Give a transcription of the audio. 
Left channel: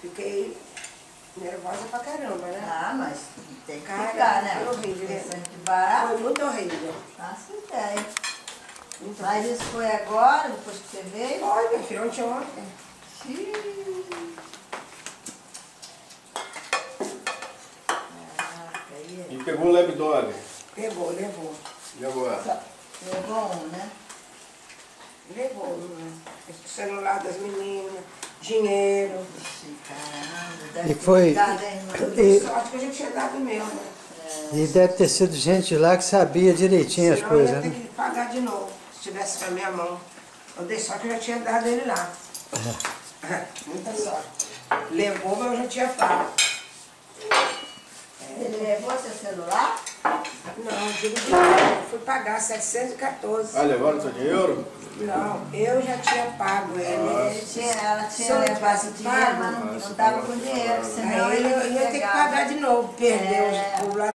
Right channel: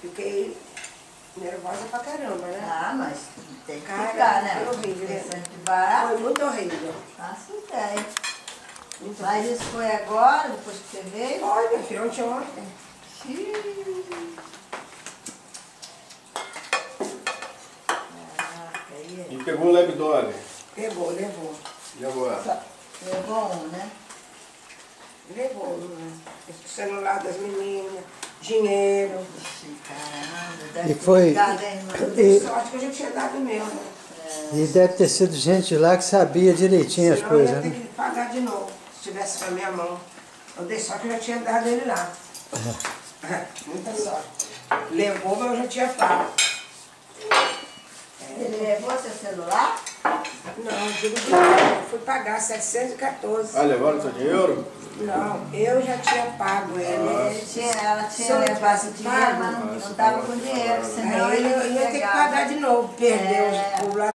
Fiquei nervosa pra caramba, né? Ah, mas tem que Cara, ficar, né? foi horrível, né? Sempre barato. Foi muito horrível. Faço ideia. Muito Mas isso foi agora, depois que você veio? Olha, minha filha, ontem. Xiii. Caraca, E pegou o Lebdole. Levou. E agora? Levou um, né? Levou, né? O celular das meninas, dinheiro. Ixi, caramba, deve E foi- ter ficado, hein, mano? Deu sorte que a gente tinha dado o meu, né? E deve ter sido gente lá que sabia direitinho as Senão eu coisas, ia ter né? que pagar de novo, se tivesse com a minha mão. Eu dei sorte que eu já tinha dado ele lá. Muita sorte. Levou, mas eu já tinha pago. Ele levou seu celular? Não, digo de novo, eu fui pagar 714. Ah, levaram o seu dinheiro? Não, eu já tinha pago ele. Ela Se tinha eu levado tivesse o dinheiro, mas pago, não estava com dinheiro, senão Aí ele eu ia ter que pegava. pagar de novo, perdeu É. o lá.